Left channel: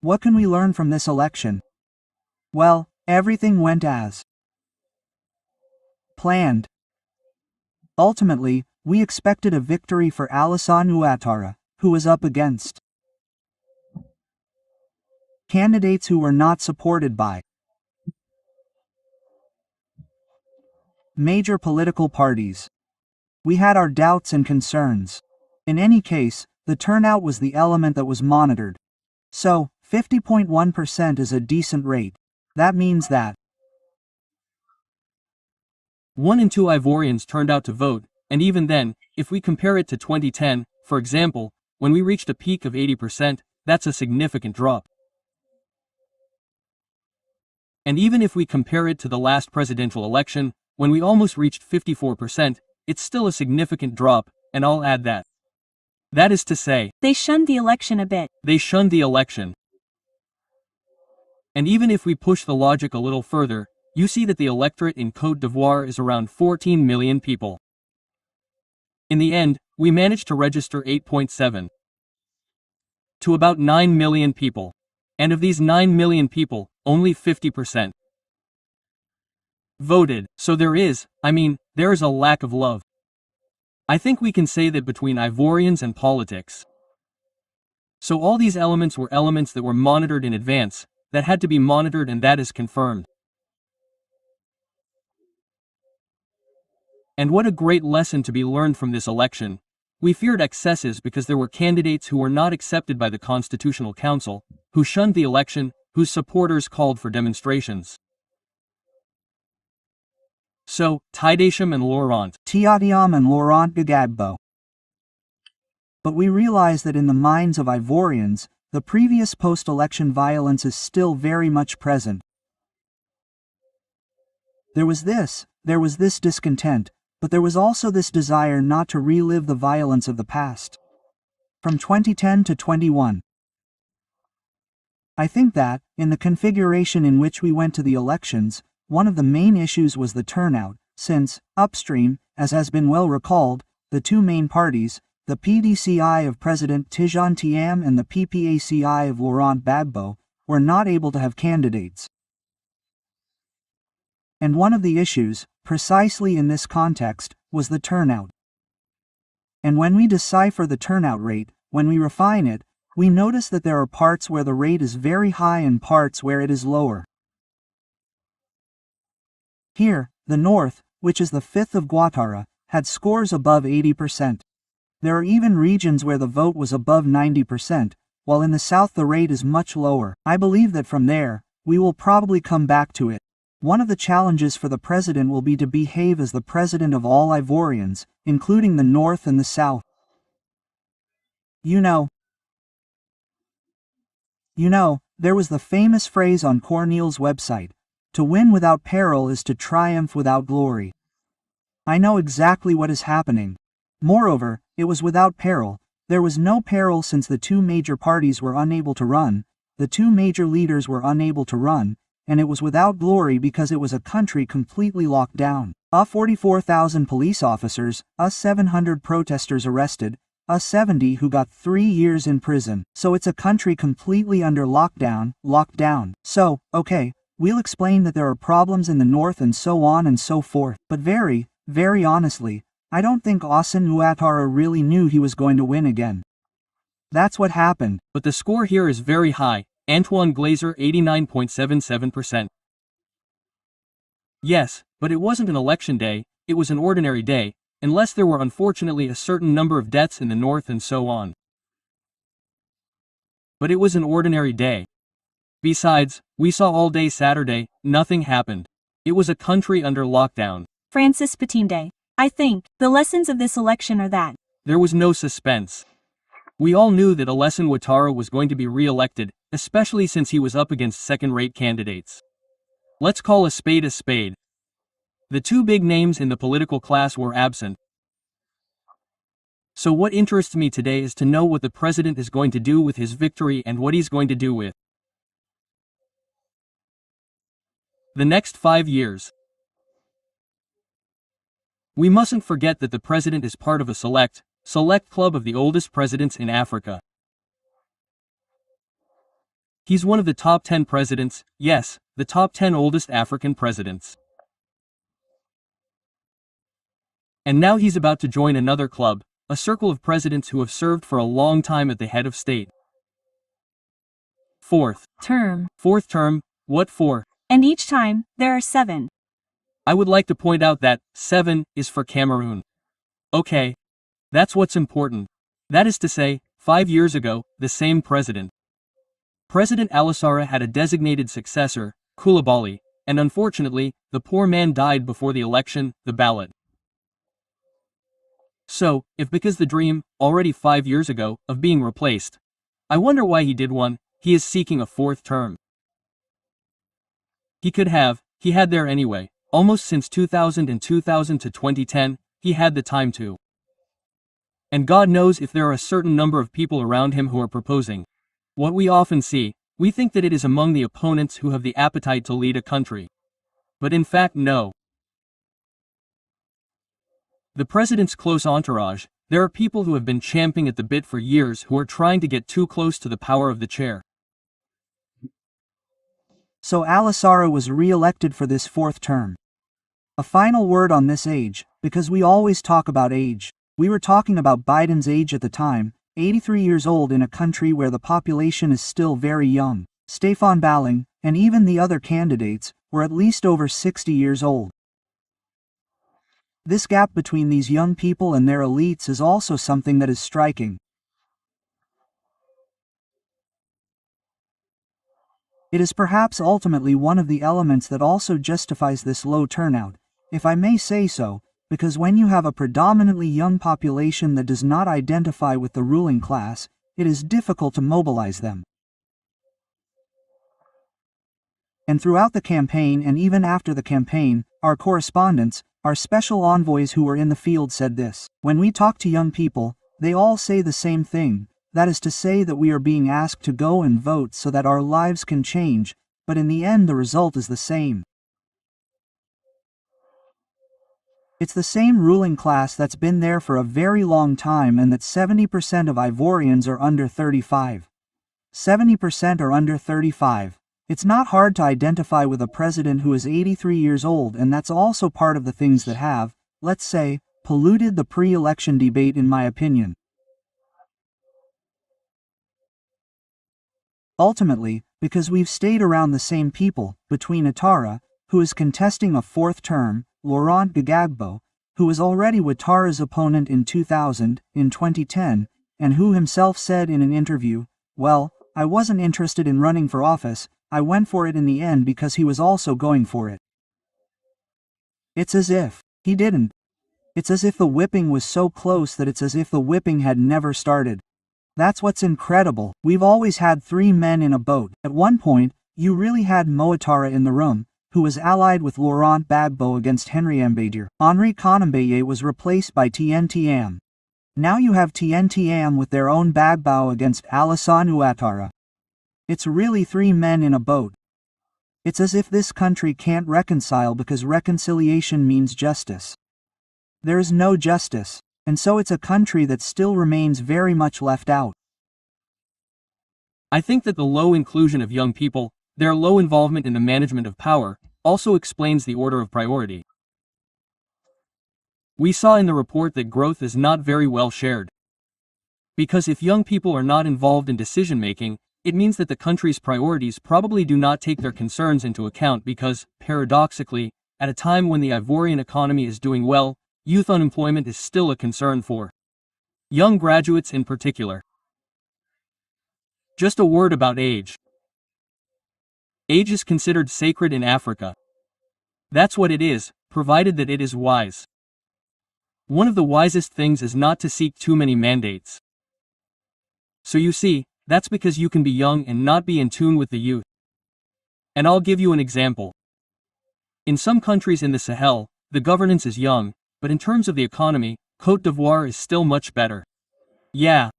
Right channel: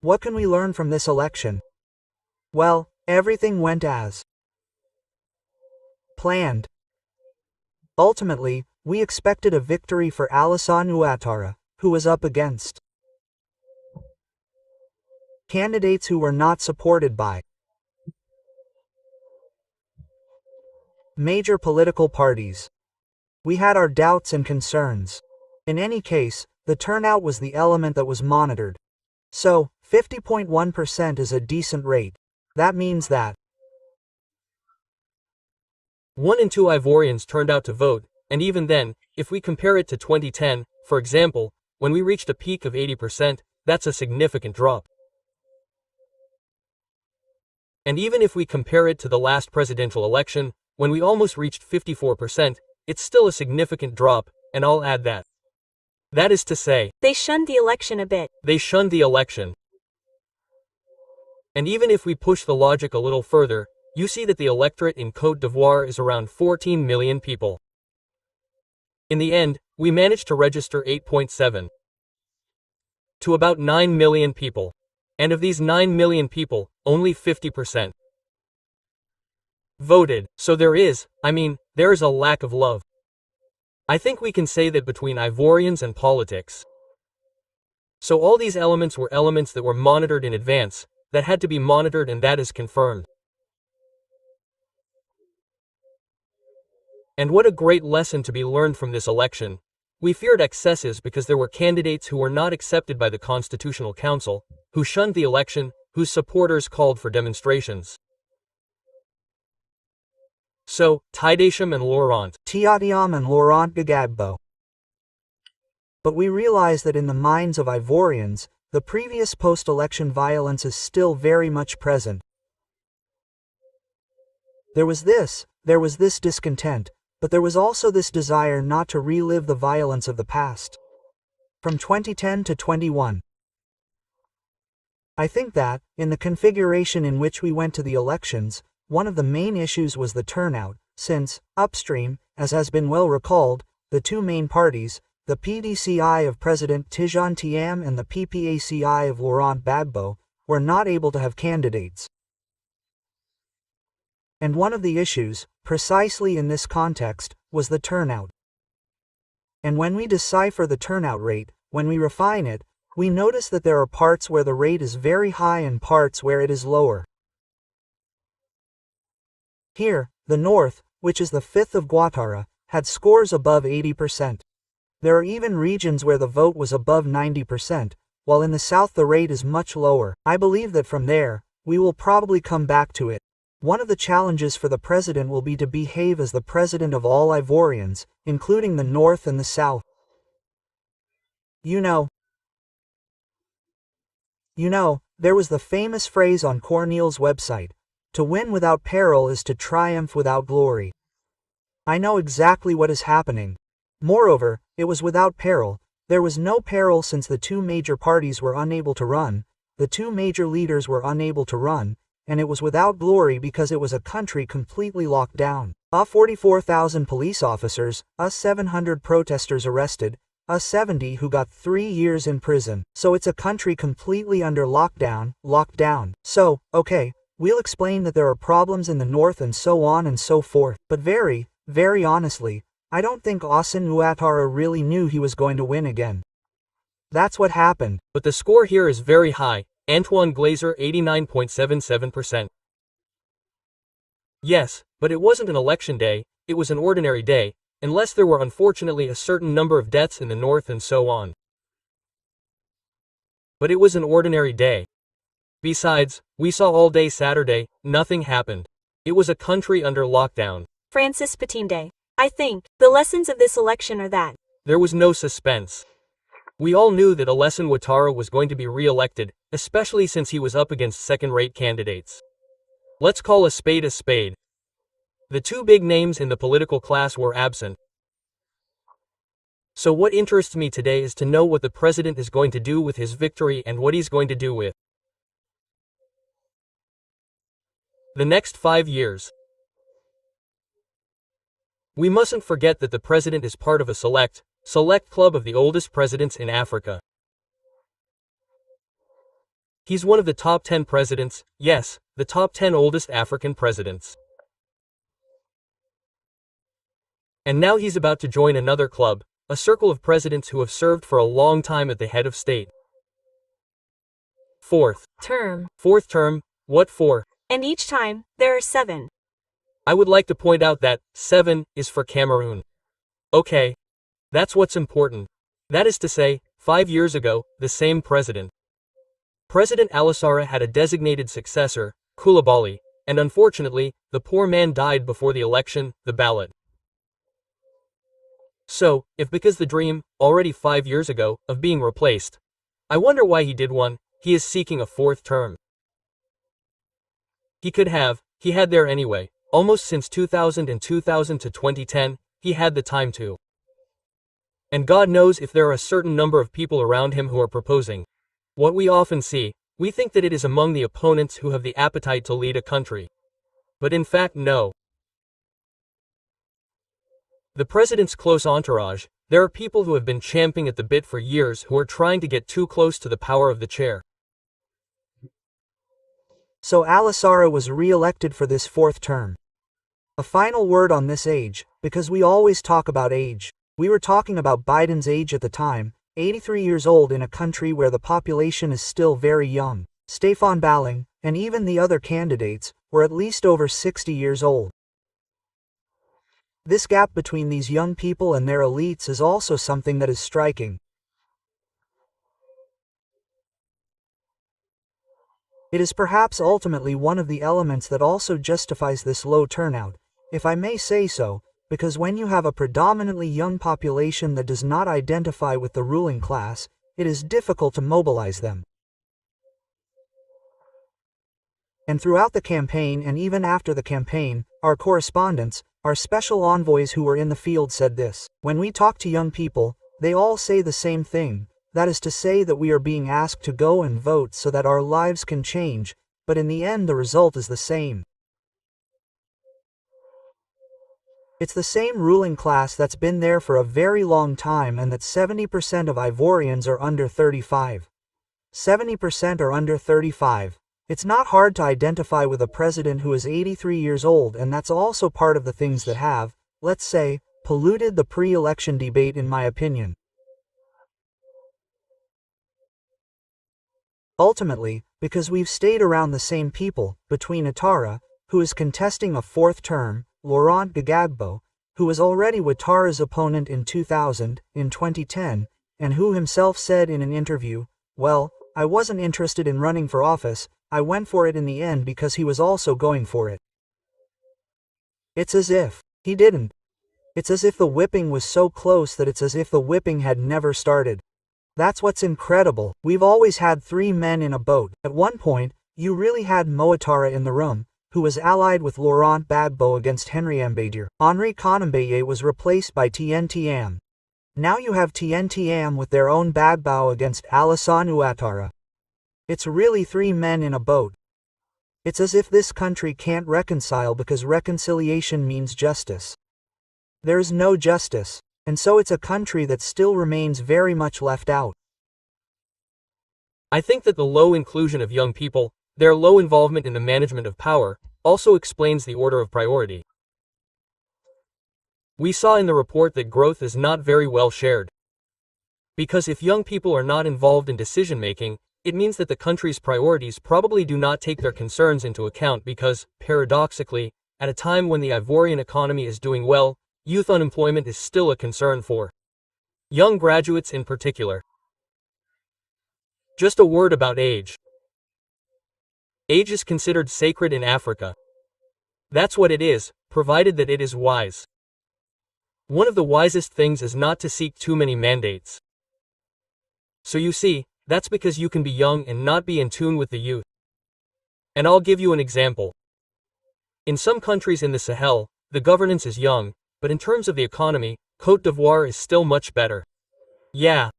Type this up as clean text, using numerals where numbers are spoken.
What can we learn from this election? Well, everything went as planned. Ultimately, we expected a victory for Alassane Ouattara, who was up against candidates who were not supported by major political parties. We had our doubts and concerns. In any case, the turnout was the element that was monitored. So, 50.1% is a decent rate. That means that 1 in 2 Ivorians turned out to vote, and even then, if we compare it to 2010, for example, when we reached a peak of 80%, that's a significant drop. And even if we compare it to the last presidential election, when we almost reached 54%, it's still a significant drop, and I'll add that. That is to say, They shunned the election a bit. they shunned the election. And even if we push the logic a little further, you see that the electorate in Côte d'Ivoire is around 14 million people. In the end, we managed to register 8.7 to about 9 million people. And of these 9 million people, only 50% voted. So there is a lack of love. I think we can say that between Ivorians and politics. So all these elements were elements that were monitored in advance, that had to be monitored, and that is confirmed. And what a great lesson to be learned from this election. We feared excesses because there were candidates who were not accepted by the Constitutional Council, who shunned the election, whose supporters called for demonstrations. So, Tidesham and Laurent. Tiadiam and Laurent Gbagbo. But we realize that in the minds of Ivorians, the previous post-election violence is still very much present. There was this discontent, but there was also this desire not to relive the violence of the past. From 2010 to 21. I think that, in the configuration in which we went to the elections, one of the main issues was the turnout, since, upstream, as has been well recalled, the two main parties, the PDCI of President Tidjane Thiam and the PPACI of Laurent Gbagbo, were not able to have candidates. And one of the issues, precisely in this context, was the turnout. And when we decipher the turnout rate, when we refine it, we notice that there are parts where the rate is very high and parts where it is lower. Here, the north, which is the fifth of Ouattara, had scores above 80%. There are even regions where the vote was above 90%, while in the south the rate is much lower. I believe that from there, we will probably come back to it. One of the challenges for the president will be to behave as the president of all Ivorians, including the north and the south. You know, there was the famous phrase on Corneille's website, "To win without peril is to triumph without glory." I know exactly what is happening. Moreover, it was without peril. There was no peril since the two major parties were unable to run, the two major leaders were unable to run, and it was without glory because it was a country completely locked down. 44,000 police officers, 700 protesters arrested, 70 who got 3 years in prison. So it's a country completely under lockdown. So, okay, we'll explain that there are problems in the north and so on and so forth. But very, very honestly, I don't think Alassane Ouattara really knew he was going to win again. That's what happened. But the score here is very high. Antoine Glazer 89.77%. Yes, but it wasn't an election day, it was an ordinary day, unless there were unfortunately a certain number of deaths in the north and so on. But it was an ordinary day. Besides, we saw all day Saturday, nothing happened. It was a country under lockdown. Francis Patinde. I think the lessons of this election are that there was no suspense. We all knew that Alassane Ouattara was going to be re-elected, especially since he was up against second-rate candidates. Let's call a spade a spade. The two big names in the political class were absent. So what interests me today is to know what the president is going to do with his victory and what he's going to do with the next 5 years. We mustn't forget that the president is part of a select club of the oldest presidents in Africa. He's one of the top 10 presidents, yes, the top 10 oldest African presidents. And now he's about to join another club, a circle of presidents who have served for a long time at the head of state. Fourth term, what for? And each time, there are 7. I would like to point out that 7 is for Cameroon. Okay. That's what's important. That is to say, 5 years ago, the same president. President Alassara had a designated successor, Koulibaly, and unfortunately, the poor man died before the election, the ballot. So, if because the dream, already 5 years ago, of being replaced, I wonder why he did one, he is seeking a 4th term. He had there anyway, almost since 2000 and 2000 to 2010, he had the time to. And God knows if there are a certain number of people around him who are proposing. What we often see, we think that it is among the opponents who have the appetite to lead a country. But in fact no. The president's close entourage, there are people who have been champing at the bit for years who are trying to get too close to the power of the chair. So Alassara was re-elected for this 4th term. A final word on this age, because we always talk about age. We were talking about Biden's age at the time, 83 years old in a country where the population is still very young. Stefan Balling, and even the other candidates, were at least over 60 years old. This gap between these young people and their elites is also something that is striking. It is perhaps ultimately one of the elements that also justifies this low turnout, if I may say so, because when you have a predominantly young population that does not identify with the ruling class, it is difficult to mobilize them. And throughout the campaign and even after the campaign, our correspondents, our special envoys who were in the field said this: when we talk to young people, they all say the same thing, that is to say that we are being asked to go and vote so that our lives can change, but in the end the result is the same. It's the same ruling class that's been there for a very long time, and that 70% of Ivorians are under 35. 70% are under 35. It's not hard to identify with a president who is 83 years old, and that's also part of the things that have, let's say, polluted the pre-election debate in my opinion. Ultimately, because we've stayed around the same people, between Ouattara, who is contesting a 4th term, Laurent Gbagbo, who was already Ouattara's opponent in 2000, in 2010, and who himself said in an interview, well, I wasn't interested in running for office, I went for it in the end because he was also going for it. It's as if he didn't. It's as if the whipping was so close that it's as if the whipping had never started. That's what's incredible. We've always had 3 men in a boat. At one point, you really had Ouattara in the room, who was allied with Laurent Gbagbo against Henri Mbadier. Henri Konambeye was replaced by TNTM. Now you have TNTM with their own Gbagbo against Alassane Ouattara. It's really 3 men in a boat. It's as if this country can't reconcile because reconciliation means justice. There is no justice, and so it's a country that still remains very much left out. I think that the low inclusion of young people, their low involvement in the management of power, also explains the order of priority. We saw in the report that growth is not very well shared. Because if young people are not involved in decision-making, it means that the country's priorities probably do not take their concerns into account because, paradoxically, at a time when the Ivorian economy is doing well, youth unemployment is still a concern for young graduates in particular. Just a word about age. Age is considered sacred in Africa. That's what it is, provided that it is wise. One of the wisest things is not to seek too many mandates. So you see, that's because you can be young and not be in tune with the youth. And I'll give you an example. In some countries in the Sahel, the governance is young, but in terms of the economy, Côte d'Ivoire is still much better. Yeah,